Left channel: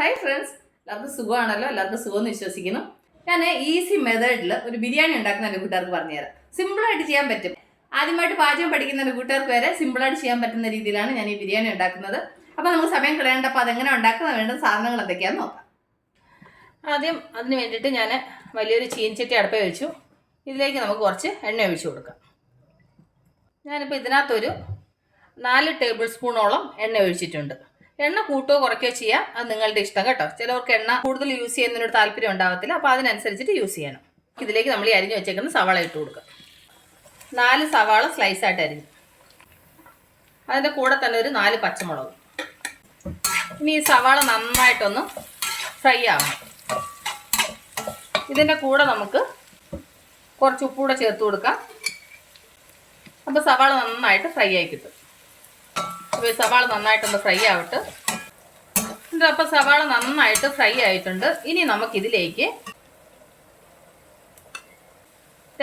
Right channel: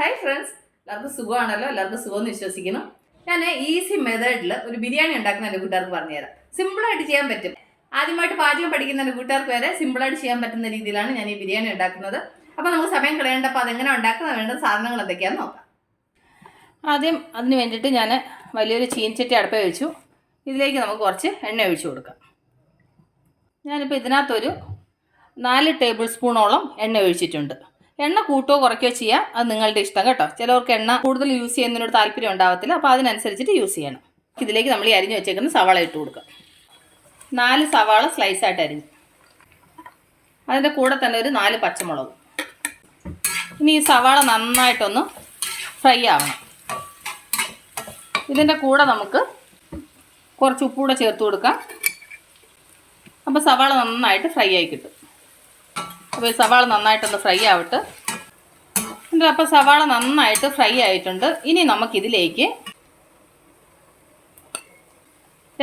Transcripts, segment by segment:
Hi friends എല്ലാവർക്കും സുഖമാണല്ലോ? എല്ലാവർക്കും സുഖമെന്ന് വിശ്വസിക്കുന്നു. ഞാൻ ഈസി മെത്തേഡിൽ ഒരു ബിരിയാണി ഉണ്ടാക്കുന്ന എന്റെ കൂട്ടുകാർക്ക് പറഞ്ഞുതരാം. സിമ്പിളായിട്ട് ചെയ്യാൻ പറ്റും. ആദ്യമായിട്ട് പാചകം പഠിക്കുന്ന എന്റെ കൂട്ടുകാർക്ക് വരെ സിമ്പിളായിട്ട് ചെയ്യാൻ പറ്റുന്ന രീതിയിലാണ് ഞാൻ ഈ ബിരിയാണി ഉണ്ടാക്കുന്നത്. അപ്പോൾ നമുക്ക് സമയം കളയേണ്ടപ്പോൾ അതെങ്ങനെ ഉണ്ടാക്കുന്ന വേണ്ട സാധനങ്ങൾ എന്തൊക്കെയാണെന്ന് നോക്കാം. ആദ്യം അതിന് വേണ്ടിയിട്ട് ഞാൻ വലിയൊരു ചീനച്ചട്ടി അടുപ്പേ വെച്ചു. ഇതിലേക്ക് നമുക്ക് കുറച്ച് എണ്ണ ഒഴിച്ചു കൊടുക്കാം. ഞാനിപ്പോൾ ഇതിനകത്തൊരു നാല് ടേബിൾ സ്പൂണോളം എണ്ണ ഒഴിച്ചിട്ടുണ്ട്. എണ്ണ കൂട്ടോ കുറയ്ക്കുകയോ ചെയ്യാം. അത് നിങ്ങളുടെ ഇഷ്ടം കേട്ടോ. ചിലവർക്ക് എണ്ണ കൂടുതൽ യൂസ് ചെയ്യുന്നതിനോട് താല്പര്യം ഉണ്ടാവത്തില്ല. അപ്പോൾ അതിനനുസരിച്ചിട്ട് യൂസ് ചെയ്യണം. ഇതിലേക്ക് നമ്മൾ ഈ അരിഞ്ഞു വെച്ചേക്കുന്ന സവാള ഇട്ട് കൊടുക്കുക. നാല് സവാള സ്ലൈസ് സ്ലൈസായിട്ട് അരിഞ്ഞു. അതിന്റെ കൂടെ തന്നെ ഒരു നാല് പച്ചമുളക്. ഇനി ഈ സവാള നന്നായിട്ടൊന്ന് ഫ്രൈ ആവണം. ഇതിന്റെ കൂടെ നമുക്ക് കുറച്ച് ഉപ്പൂടെ ചേർത്ത് കൊടുക്കാം. അപ്പോൾ സവാള നന്നായിട്ട് ഫ്രൈ ആയി കിട്ടും. അപ്പോൾ സവാള നന്നായിട്ടൊന്ന് ഫ്രൈ ആവട്ടെ. അപ്പോൾ സവാള നന്നായിട്ട് ഫ്രൈ ആയിട്ടുണ്ട്. ഇനി നമുക്കിതിലേക്ക്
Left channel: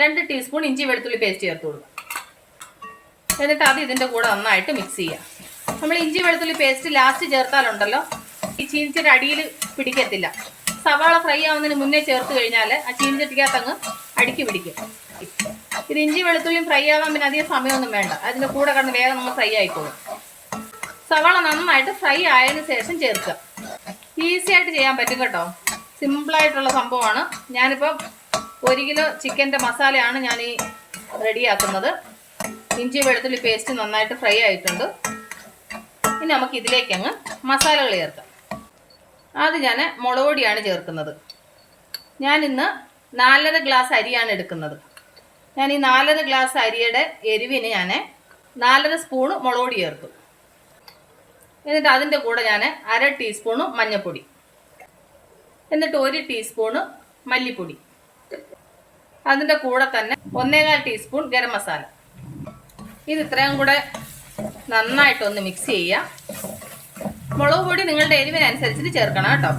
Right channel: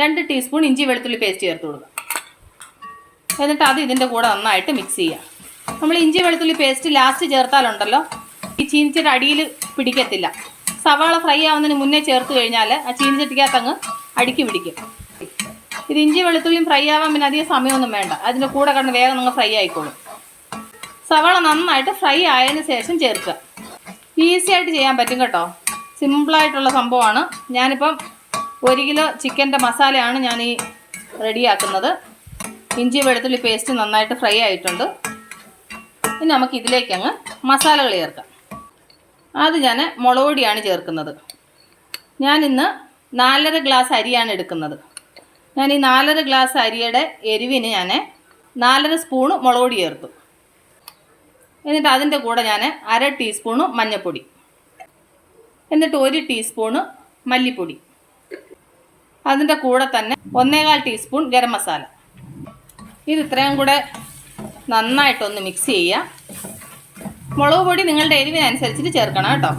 രണ്ട് ടീസ്പൂൺ ഇഞ്ചി വെളുത്തുള്ളി പേസ്റ്റ് ചേർത്ത് കൊടുക്കാം. എന്നിട്ട് അത് ഇതിന്റെ കൂടെ നന്നായിട്ട് മിക്സ് ചെയ്യാം. നമ്മൾ ഇഞ്ചി വെളുത്തുള്ളി പേസ്റ്റ് ലാസ്റ്റ് ചേർത്താലുണ്ടല്ലോ ഈ ചീനിച്ചയുടെ അടിയിൽ പിടിക്കത്തില്ല. സവാള ഫ്രൈ ആവുന്നതിന് മുന്നേ ചേർത്ത് കഴിഞ്ഞാൽ ആ ചീനിച്ചട്ടിക്കകത്ത് അങ്ങ് അടുക്കി പിടിക്കും. ഇത് ഇഞ്ചി വെളുത്തുള്ളിയും ഫ്രൈ ആവാൻ പിന്നെ അധികം സമയമൊന്നും വേണ്ട. അതിന്റെ കൂടെ കിടന്ന് വേഗം നിങ്ങൾ ഫ്രൈ ആയിക്കോളും. സവാള നന്നായിട്ട് ഫ്രൈ ആയതിനു ശേഷം ചേർക്കുക. ഈസി ആയിട്ട് ചെയ്യാൻ പറ്റും കേട്ടോ. സിമ്പിളായിട്ടുള്ള സംഭവമാണ്. ഞാനിപ്പം ഒരു കിലോ ചിക്കന്റെ മസാലയാണ് ഞാൻ ഈ റെഡിയാക്കുന്നത്. ഇഞ്ചി വെളുത്തുള്ളി പേസ്റ്റ് നന്നായിട്ട് ഫ്രൈ ആയിട്ടുണ്ട്. ഇനി നമുക്ക് ഇതിലേക്ക് അങ്ങ് മസാലകൾ ചേർക്കാം. അത് ഞാൻ മുളക് പൊടിയാണ് ചേർക്കുന്നത്. ഞാനിന്ന് നാലര ഗ്ലാസ് അരിയാണ് എടുക്കുന്നത്. ഞാൻ ഈ നാലര ഗ്ലാസ് അരിയുടെ എരിവിന് ഞാൻ നാലര സ്പൂണ് മുളക് പൊടി ചേർക്കും എന്നിട്ട് അതിന്റെ കൂടെ ഞാൻ അര ടീസ്പൂണ് മഞ്ഞൾപ്പൊടി എന്നിട്ട് ഒരു ടീസ്പൂണ് മല്ലിപ്പൊടി. അതിന്റെ കൂടെ തന്നെ ഒന്നേകാൽ ടീസ്പൂൺ ഗരം മസാല. ഇത് ഇത്രയും കൂടെ നന്നായിട്ടൊന്ന് മിക്സ് ചെയ്യുക. മുളക് പൊടി നിങ്ങളുടെ എരിവിനനുസരിച്ചിട്ട് ചേർക്കണം കേട്ടോ.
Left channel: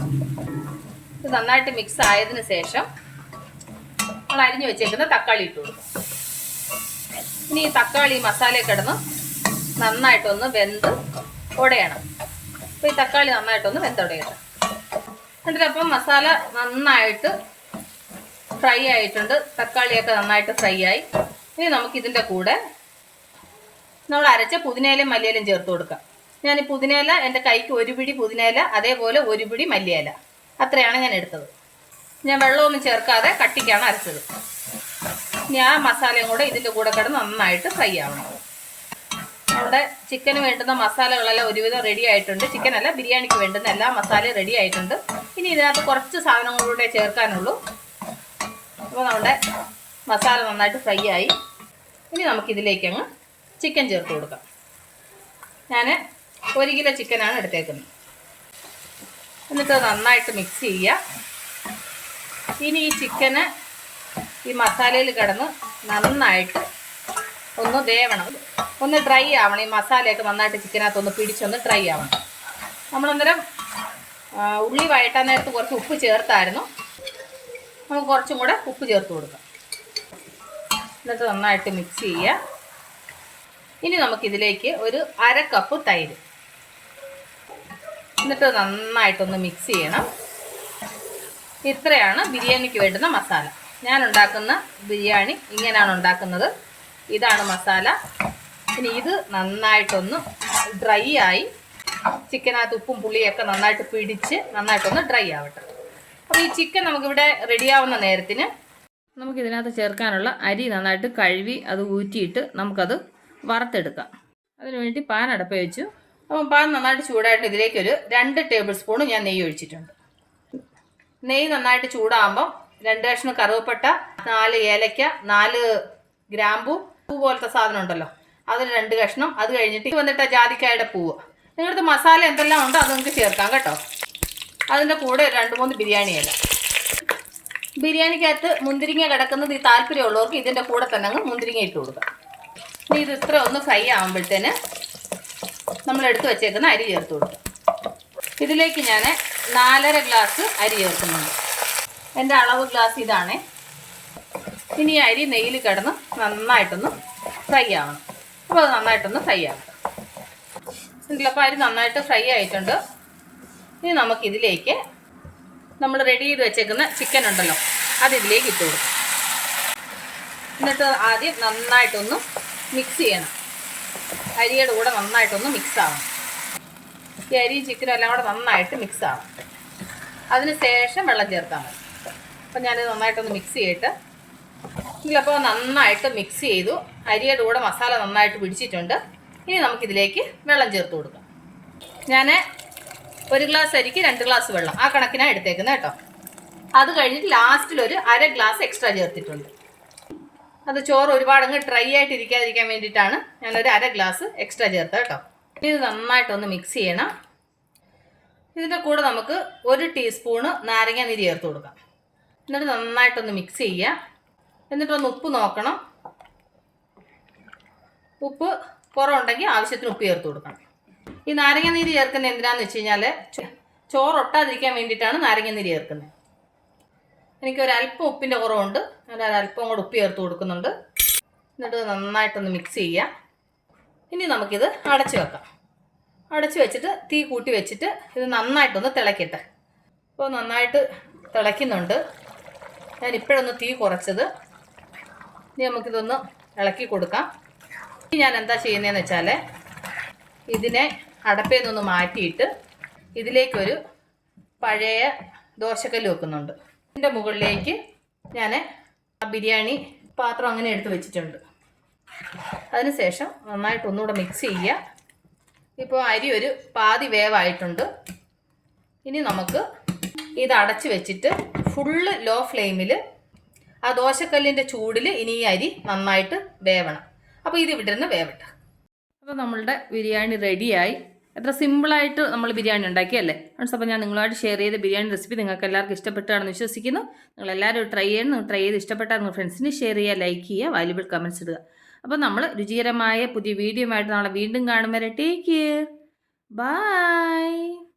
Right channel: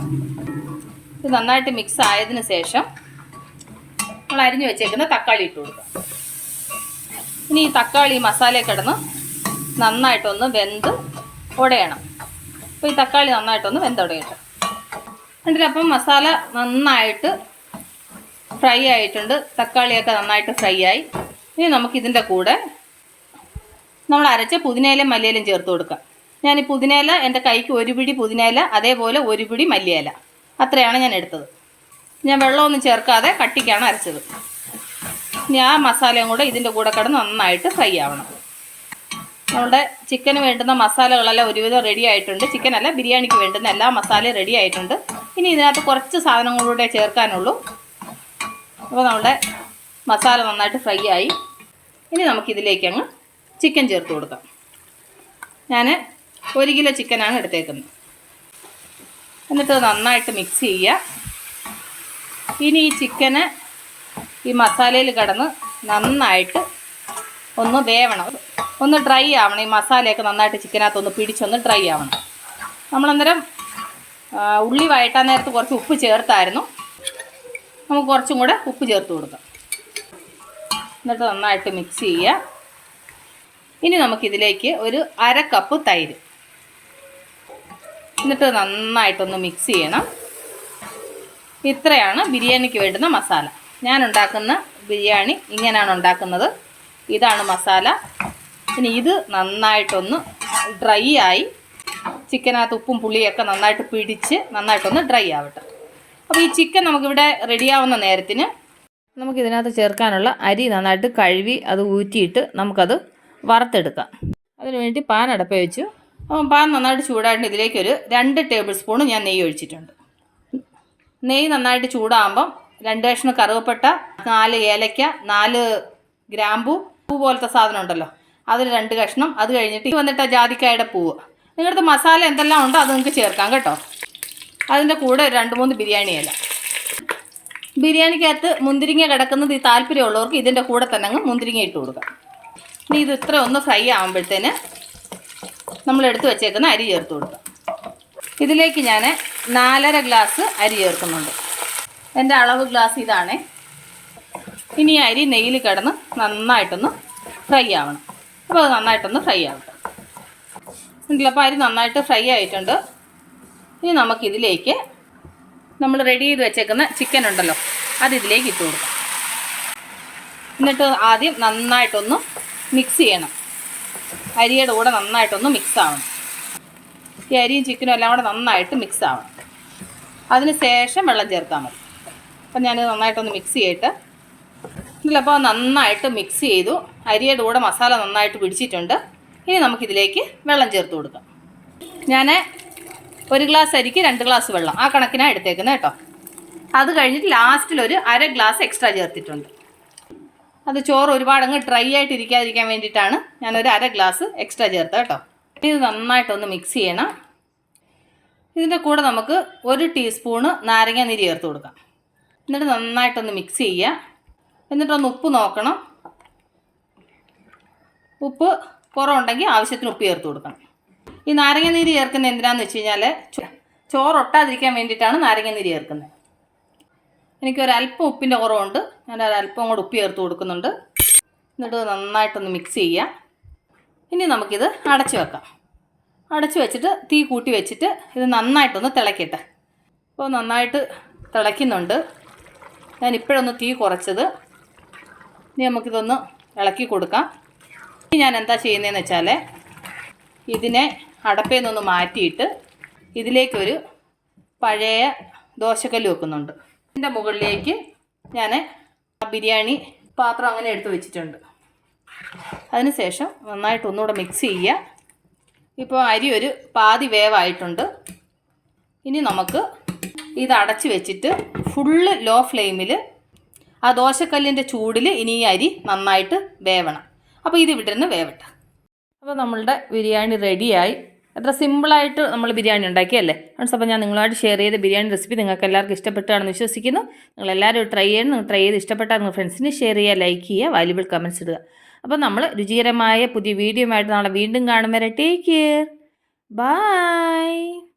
ഇത് നന്നായിട്ട് മിക്സ് ആയതിനു ശേഷം നമ്മൾ അരിഞ്ഞു വെച്ചേക്കുന്ന തക്കാളി ഇട്ട് കൊടുക്കാം ഇനി ഈ തക്കാളി മസാല കിടന്ന് നന്നായിട്ടൊന്ന് വെന്ത് ഉടയണം അപ്പോൾ ഈ തക്കാളി നന്നായിട്ടൊന്ന് വെന്തുടയട്ടെ എന്നിട്ട് അപ്പം മസാല നന്നായിട്ട് ഫ്രൈ ആയിട്ടുണ്ട്. തക്കാളിയൊക്കെ നന്നായിട്ട് ഫ്രൈ ആയി. ഇനി നമുക്കിതിന്റെ കൂടെ നമ്മൾ അരച്ച പുതിനയിലും മല്ലിയിലും ചേർത്ത് കൊടുക്കാം. ഞാൻ ഈ പുതിനയില എന്റെ കൈക്ക് ഒരു പിടി പുതിനയില അതേപോലെ ഒരു പിടി മല്ലിയില. അത്രയാണ് ഞാൻ എടുത്തത്. ഞാൻ വെള്ളമൊന്നും ചേർക്കാതെ കട്ടിക്കാണ് അരച്ചത്. ഇനി ആ മസാലയും കൂടെ ഇതിന്റെ കൂടെ കിടന്ന് നന്നായിട്ട് ഫ്രൈ ആവണം. നമ്മുടെ ചിക്കന് വേണ്ടുന്ന മസാലകളെല്ലാം ഒരുവിധം റെഡി ആയിട്ടുണ്ട്. ചിക്കനല്ല ബിരിയാണിക്ക് വേണ്ടുന്ന എല്ലാ മസാലയും റെഡി ആയിട്ടുണ്ട്. ഇനി ഇതിനകത്ത് കുറച്ച് സാധനങ്ങളൂടെ ചേർക്കാനുള്ളൂ. അപ്പോൾ നമ്മുടെ മസാല നന്നായിട്ട് ഫ്രൈ ആയി. ഇനി നമുക്കിതിലേക്ക് അങ്ങ് ചിക്കൻ ചേർത്ത് കൊടുക്കാം. ഞാൻ ഒരു കിലോ ചിക്കനാണ് എടുത്തേക്കുന്നത്. എന്നിട്ട് നന്നായിട്ട് മിക്സ് ചെയ്യുക. ഇനി ഈ ചിക്കന് ഈ മസാലയിൽ കടന്ന് നന്നായിട്ട് ഒന്ന് വേവണം. ഒന്ന് ഡ്രൈ ആവണം. ഈ മസാലയൊക്കെ നന്നായിട്ട് ചിക്കനകത്ത് ഒന്ന് പിടിച്ചൊന്ന് ഡ്രൈ ആവണം. നമ്മളന്നേരം ഉള്ളി വഴറ്റാൻ നേരത്ത് കുറച്ച് ഉപ്പ് ചേർത്തായിരുന്നു. നമുക്ക് കുറച്ചും കൂടെ ഉപ്പ് ചേർത്ത് കൊടുക്കാം. എന്നിട്ട് നന്നായിട്ട് മിക്സ് ചെയ്യുക ഇനി നമുക്കിതിലേക്ക് ഒരു അര കപ്പ് തൈര്. എന്നിട്ട് നന്നായിട്ടൊന്ന് മിക്സ് ചെയ്യണം. ഇത്രയാണ് ബിരിയാണിക്ക് വേണ്ടുന്ന മസാല. ഞാൻ ഉണ്ടാക്കുന്ന ബിരിയാണി ഇങ്ങനെയാണ് ഉണ്ടാക്കുന്നത്. ഇതാണ് മസാല. ഇനി ഇത് നന്നായിട്ടൊന്ന് ഡ്രൈ ആയി. ചിക്കനകത്ത് ഉപ്പും പുളിയൊക്കെ നന്നായിട്ട് പിടിച്ച് നന്നായിട്ടൊന്ന് ഡ്രൈ ആവട്ടെ. അപ്പോൾ ഈ ചിക്കൻ നമുക്കിവിടെ റെഡിയാവുന്ന നേരത്തിന് നമുക്ക് ഇതിനകത്ത് ചേർക്കാനുള്ള അരി നന്നായിട്ട് കഴുകി അത് ഊറ്റിയിട്ട് നമുക്കത് വറുത്തെടുക്കാം. അതിനുവേണ്ടി പാൻ അടപ്പ വെച്ചു. അപ്പം പാൻ നന്നായിട്ട് ചൂടായിട്ട് ഇതിലേക്കൊരു രണ്ട് ടേബിൾ സ്പൂൺ ഞാൻ നെയ്യ് ഒഴിച്ചിട്ടുണ്ട്. നെയ്യ് നന്നായിട്ട് ചൂടാകുമ്പം രണ്ട് കഷ്ണം കറുവപ്പട്ട നാല് ഏലയ്ക്ക നാല് ഗ്രാമ്പു പൂ പോലത്തെ സാധനം ഉണ്ടല്ലോ. അതിൽ രണ്ട് കഷ്ണം. അത് കഴിഞ്ഞിട്ട് വന്നിട്ട് ജാതിക്കായുടെ പൂവ്. നിങ്ങളുടെ മസാല എന്തെല്ലാം ഉണ്ടോ അത് നിങ്ങൾക്ക് ചേർക്കാം കേട്ടോ. അതിന്റെ കൂടെ രണ്ട് മൂന്ന് ബിരിയാണി ബിരിയാണിക്കകത്ത് മുന്തിരിങ്ങ കിടക്കുന്നത് ഈ താല്പര്യമുള്ളവർക്ക് ഇതിന്റെ കൂടെ തന്നെ അങ്ങ് മുന്തിരിങ്ങ ഇട്ട് കൊടുക്കാം. ഇനി ഇത് ഇത്ര ഒന്ന് ഫ്രൈ ആകുമ്പോഴത്തേന് നമ്മൾ എടുത്ത് വെച്ചേക്കുന്ന അരി ചേർത്ത് കൊടുക്കാം. ഇതിലേക്ക് ഞാൻ നാലര ഗ്ലാസ് അരി ചേർക്കുന്നുണ്ട്. എന്റെ അളവ് ഗ്ലാസ് ഇതാണേ. ഇനി അരി നെയ്യിൽ കിടന്ന് നന്നായിട്ടൊന്ന് ഫ്രൈ ആവണം. അപ്പോൾ അത് നന്നായിട്ടൊന്ന് ഫ്രൈ ആകും ഉണ്ടല്ലോ അപ്പോൾ അരി നന്നായിട്ട് ഫ്രൈ ആയിട്ടുണ്ട്. ഇനി നമുക്കിതിലേക്ക് നമ്മൾ റെഡി ചെയ്ത് വെച്ചേക്കുന്ന ചിക്കൻ ഉണ്ടല്ലോ അത് ഇതിലേക്ക് ഇട്ട് കൊടുക്കാം. എന്നിട്ട് ആദ്യം നന്നായിട്ടൊന്ന് മിക്സ് ചെയ്യണം. അരിയുടെ കൂടെ നന്നായിട്ടൊന്ന് മിക്സ് ആവണം. ഈ അരിയും ചിക്കനും എല്ലാം കൂടെ നന്നായിട്ട് മിക്സ് ആവണം. അതിന് ശേഷം വെള്ളം ചേർത്താൽ മതി. അപ്പം ഞാൻ നന്നായിട്ടൊന്ന് മിക്സ് ചെയ്തിട്ട് ഇതിലപ്പോൾ നന്നായിട്ട് മിക്സ് ചെയ്തു. അരിയുടെ കൂടെ മസാല നന്നായിട്ട് പിടിച്ചിട്ടുണ്ട്. ഇനി നമുക്കിതിലേക്ക് വെള്ളം ചേർത്ത് കൊടുക്കാം. ഞാൻ ഒരു ഗ്ലാസ് അരിക്ക് രണ്ട് ഗ്ലാസ് വെള്ളം ആ കണക്കിനാണ് എടുത്തേക്കുന്നത് കേട്ടോ. അത് കഴിഞ്ഞിട്ട് ലാസ്റ്റിൽ ഒരു അര ഗ്ലാസ് എക്സ്ട്രാ ചേർത്തിട്ടുണ്ട്. അത് ചോറ് ഒരുപാട് അങ്ങ് ഡ്രൈ ആയിട്ട് ഇരിക്കാതിരിക്കാൻ വേണ്ടിയിട്ടാണ് ഞാനൊരു അര ഗ്ലാസ് എക്സ്ട്രാ ചേർത്തത് കേട്ടോ. ഇത് നന്നായിട്ടൊന്ന് മിക്സ് ചെയ്യണം. ഇതിന്റെ കൂടെ നമുക്ക് ഒരു ടീസ്പൂണ് നാരങ്ങ നീര് ചേർത്ത് കൊടുക്കാം. എന്നിട്ട് നന്നായിട്ടൊന്ന് മിക്സ് ചെയ്യുക. എന്നിട്ടൊന്ന് ഉപ്പ് നോക്കണം. ഉപ്പ് കുറവുണ്ടെങ്കിൽ ആവശ്യത്തിന് ഉപ്പ് ചേർത്ത് കൊടുക്കണം. ഈ നാരങ്ങ നീര് ചേർക്കുന്നത് എന്തിനാന്ന് വെച്ച് കഴിഞ്ഞാൽ ചോ- ചോറ് ഒട്ടാതിരിക്കാൻ വേണ്ടിയിട്ടാണ് നാരങ്ങ നീര് ചേർക്കുന്നത്. എനിക്ക് ഒരല്പം ഉപ്പിന്റെ കുറവുണ്ട്. ഞാൻ ഒരല്പം കൂടെ ഉപ്പ് ചേർത്ത് കൊടുക്കുന്നുണ്ട്. എന്നിട്ട് നന്നായിട്ടൊന്ന് മിക്സ് ചെയ്യുക. ഇനി നമുക്കിത് അടച്ചു വെക്കാം. അടച്ചു വെച്ചിട്ട് തീ കൂട്ടി വെച്ചിട്ട് ഇത് നന്നായിട്ടൊന്ന് തിളക്കട്ടെ അപ്പോൾ നന്നായിട്ട് തിളയ്ക്കുന്നുണ്ട്. ഞാൻ ഇപ്പോഴൊന്ന് തീ കുറച്ചത്. ഇനി നമുക്കിതൊന്ന് ഇളക്കി കൊടുക്കാം. ഞാൻ എന്താ ചെയ്യുന്നതെന്ന് വെച്ചാൽ ഇതിനെ അടപ്പയിൽ നിന്നൊന്ന് മാറ്റിയിട്ട് ഇതിലേക്കൊരു പഴയ ദോശക്കല്ല് വെക്കുന്നുണ്ട്. ഇതിന്റെ മുകളിലേക്ക് ഞാൻ ബിരിയാണി പാത്രം അങ്ങനെ എടുത്ത് വെച്ചിട്ടുണ്ട്. അതിനുശേഷം നന്നായിട്ട് ഒന്നുകൂടെ മിക്സ് ചെയ്യുക. ഇപ്പോൾ അരി ഒരു പാതി വേവായിട്ടുണ്ട്. ഇനി നമുക്ക് ഇത് അടച്ച് വെച്ചിട്ട് ഫുള്ള് ലോ ഫ്ലെയിമിൽ ആ ദോശക്കല്ലിന്റെ ചൂടിൽ ഇനി ഈ അരി നന്നായിട്ട് വേവണം. അപ്പോൾ ഇത് ഇവിടെ നിന്ന് വേവട്ടെ. അപ്പോൾ നമ്മളുടെ ബിരിയാണി റെഡിയായി. എത്ര സിമ്പിളായിട്ട് നമ്മൾ ബിരിയാണി ഉണ്ടാക്കിയല്ലേ? ഫ്രണ്ട്സ് അപ്പോൾ ഞാൻ നിങ്ങളുമായിട്ട് ഷെയർ ചെയ്ത ബിരിയാണി റെസിപ്പി നിങ്ങൾക്ക് എല്ലാവർക്കും ഇഷ്ടപ്പെട്ടാണെന്ന് വിശ്വസിക്കുന്നു. നിങ്ങൾ എല്ലാവരും ട്രൈ ചെയ്യണം. നിങ്ങൾ ട്രൈ ചെയ്ത് ഇഷ്ടപ്പെട്ടാൽ നിങ്ങൾ ഫ്രണ്ട്സിന് ഷെയർ ചെയ്യുക ലൈക്ക് ചെയ്യുക വാല്യുബിൾ കമൻസ് ഇടുക. അപ്പോൾ നമ്മൾ രുചികരമായ പുതിയ വീഡിയോ ആയിട്ട് നാളെ വീണ്ടും കാണും വരെ. Take care bye